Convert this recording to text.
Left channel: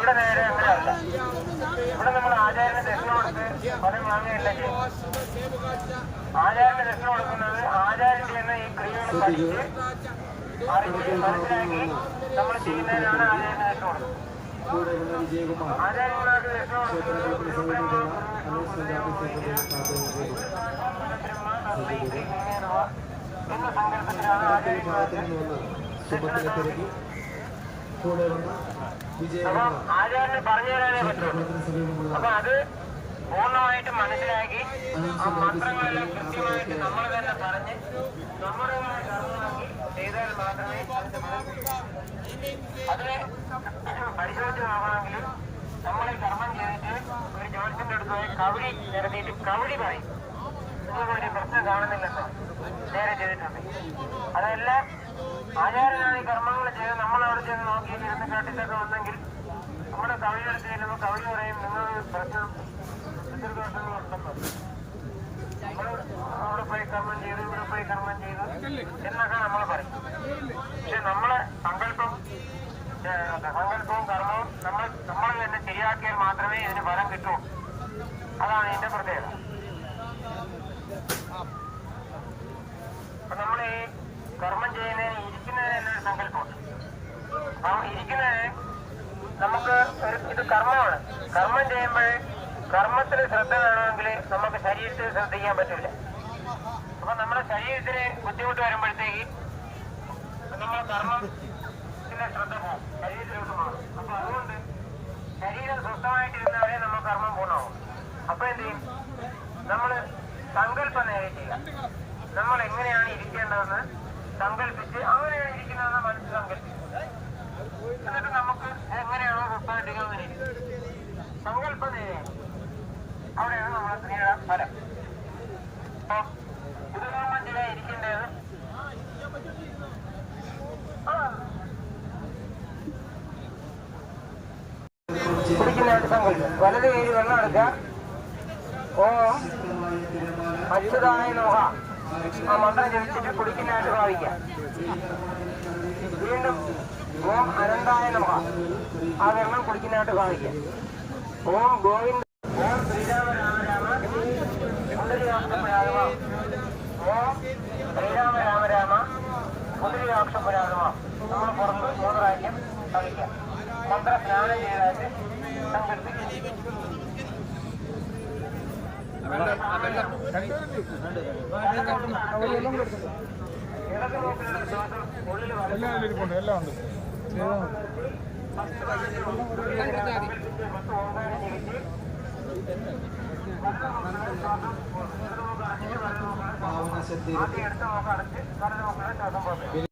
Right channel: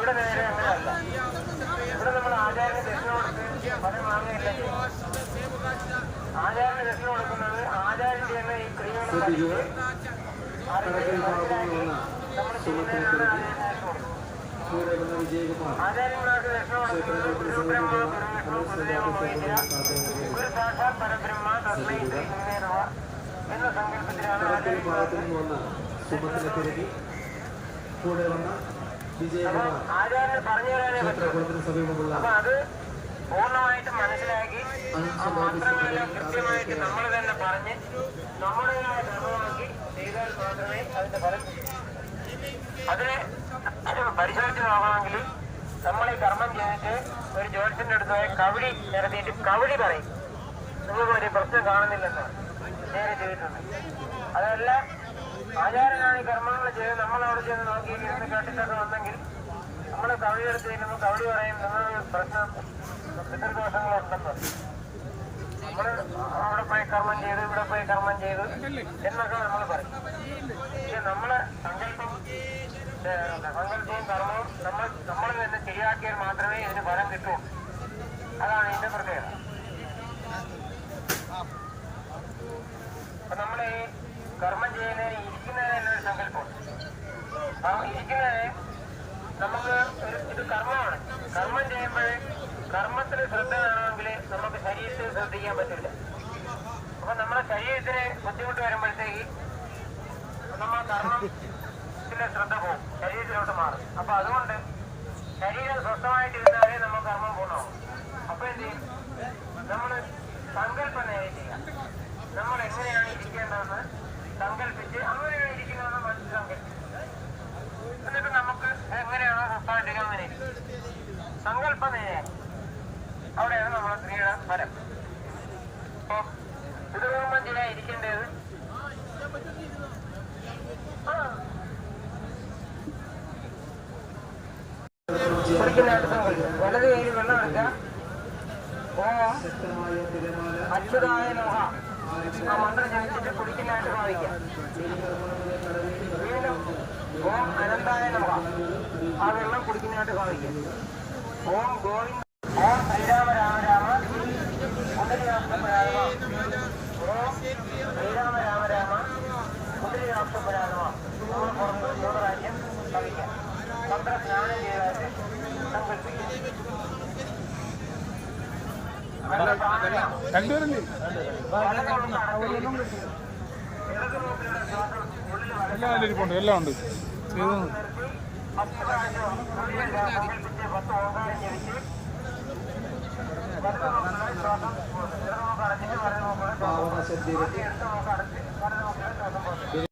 ഇവിടെ നേരെ അങ്ങനെയല്ല ഇവിടെ നമ്മൾ ആചാര്യന് ദക്ഷിണ കൊടുത്ത് ഫലം വാങ്ങുകയില്ലെങ്കിൽ ആചാര്യന് ദക്ഷിണ കൊടുക്കുന്നത് ആചാര്യൻ ചെയ്യുന്ന ഈ ക്രിയകൾ പഠിച്ച് അറിഞ്ഞ് മനസ്സിലാക്കി നമ്മൾ ചെയ്യുന്നതിനാണ് ആചാര്യന് ദക്ഷിണ കൊടുക്കുന്നത് ആചാര്യന്മാർക്ക് ദക്ഷിണ കൊടുക്കുന്നത് ഗുരുബ്രഹ്മ ഗുരുവിഷ്ണു ഗുരുദേവ ഗുരു സാക്ഷാത് പരബ്രഹ്മ തസ്മൈ ശ്രീ എന്ന സങ്കല്പത്തിലാണ് ആചാര്യന്മാർക്ക് കൂടെ വന്ന അപ്പം ആചാര്യന് പറഞ്ഞു തരാനേ പറ്റുള്ളൂ അപ്പൊ അത് പൂർണമായിട്ട് മനസ്സിലാക്കി. ആ മന്ത്രങ്ങളെല്ലാം കൃത്യമായിട്ട് നമ്മൾ തന്നെ പറഞ്ഞ് നമ്മുടേതായ കർമ്മമാക്കി ചെയ്താൽ മാത്രമേ അതിന്റെ അതിനെ പരിശോധിച്ച് നോക്കണമെങ്കിൽ നമ്മൾ ഈ കർമ്മം ചെയ്തിട്ട് ഒരു ജോലിസിന്റെ അടുത്ത് കവടി നിരത്തിയിട്ട് കവടി പറയും. ഒരു പ്രശ്നം കാണുന്നില്ലെന്നോ നേരെ ചെയ്തിട്ടുണ്ട്. അതല്ല ആചാരനാണ് കർമ്മങ്ങൾ ചെയ്ത് നമ്മൾ അവിടെ ചെന്ന് നോക്കി ഇരുന്ന് കേട്ടിട്ടൊക്കെ വന്നെങ്കിൽ നമ്മളെ കവടി എടുത്ത് ചെല്ലുമ്പോൾ കവി പറയും നിങ്ങൾ പ്രശ്നം പിതൃദോഷങ്ങളുണ്ടെന്ന് നമ്മൾ അവിടെ പോയി കർമ്മം ചെയ്തു ഇവിടെ പോയി കർമ്മം ചെയ്തു എന്നൊക്കെ നമ്മൾ പറയും. പക്ഷെ നമ്മളെ സങ്കല്പം സങ്കല്പവും കർമ്മവും നമ്മൾ നമ്മൾ തന്നെ ശരിയാക്കിയാൽ മാത്രമേ ഇതിന് ഫലം കിട്ടൂ. അതാണ് ഇതിന്റെ പ്രത്യേകത. നമ്മൾ ഈ കർമ്മം ചെയ്യുന്നതിന് ഇരിക്കുന്നതിന് തന്നെ ഒരു സങ്കല്പമുണ്ട്. അപ്പം ഇരിക്കുന്നതിന് നമുക്ക് ഇത് കർമ്മമാണ്. കർമ്മം ചെയ്യുമ്പോൾ കർമ്മത്തിൽ ശ്രദ്ധ വേണമെങ്കിൽ നമുക്ക് ശരീരത്തിൽ ശ്രദ്ധിക്കാൻ പറ്റില്ല. അപ്പൊ നമ്മുടെ ശരീരത്തിന് ബുദ്ധിമുട്ട് വരുമ്പോഴത്തേക്ക് നമ്മൾ കർമ്മത്തിലെ ശ്രദ്ധ പോകും. ശരീരത്തിലോട്ട് മാറും. അപ്പൊ അതുകൊണ്ട് ശരീരം സ്വസ്ഥമായിട്ടിരുന്നാലേ നമ്മൾ കർമ്മം പൂർണമാവും. അപ്പൊ എന്ത് ചെയ്യും? നമ്മൾ സങ്കല്പം നേരെ നമ്മൾ എങ്ങനെയാണ് ഇരിക്കേണ്ടതെന്ന് സങ്കല്പിച്ച് അങ്ങനെയാണ് ഇരിക്കുന്നതെന്ന് മനസ്സ് സങ്കല്പിക്കും എന്നിട്ട് നമുക്ക് എങ്ങനെയാണോ സ്വസ്ഥമായിട്ടിരിക്കാൻ അങ്ങനെ. സങ്കല്പം നേരെ അവിടെയാണ് നമ്മുടെ ക്രിയയുടെ ഫലം. അപ്പൊ പുതുകർമ്മം ചെയ്യാൻ ഇരിക്കേണ്ടത്? ആ. കുടിക്കുന്നതായിട്ട് വലത് വെള്ളം എടുക്കുക. അച്യുതായ നോഹ ആ മന്ത്രം ജപിച്ചിട്ട് കുടിക്കുന്നതായിട്ട് ഭാവിക്കാം വീണ്ടും ഓം അനന്തായ നോഹ ആ വെള്ളം കുടിക്കുന്നതായിട്ട് ഭാവിക്കാം ഓം ഗോവിന്ദ ഓം ശ്രീരാമ രാമ രാമ കുണ്ടലിയാക്ഷപരാഗമ ഓം ശ്രീരാമ രാമ രാമ കുണ്ടലിയാക്ഷപരാഗമ എല്ലാം എല്ലാം ഉണ്ട് ആദ്യം എടുത്ത നോക്കടച്ച് വലത് നോക്കുന്ന ശ്വാസം പോകുന്നത്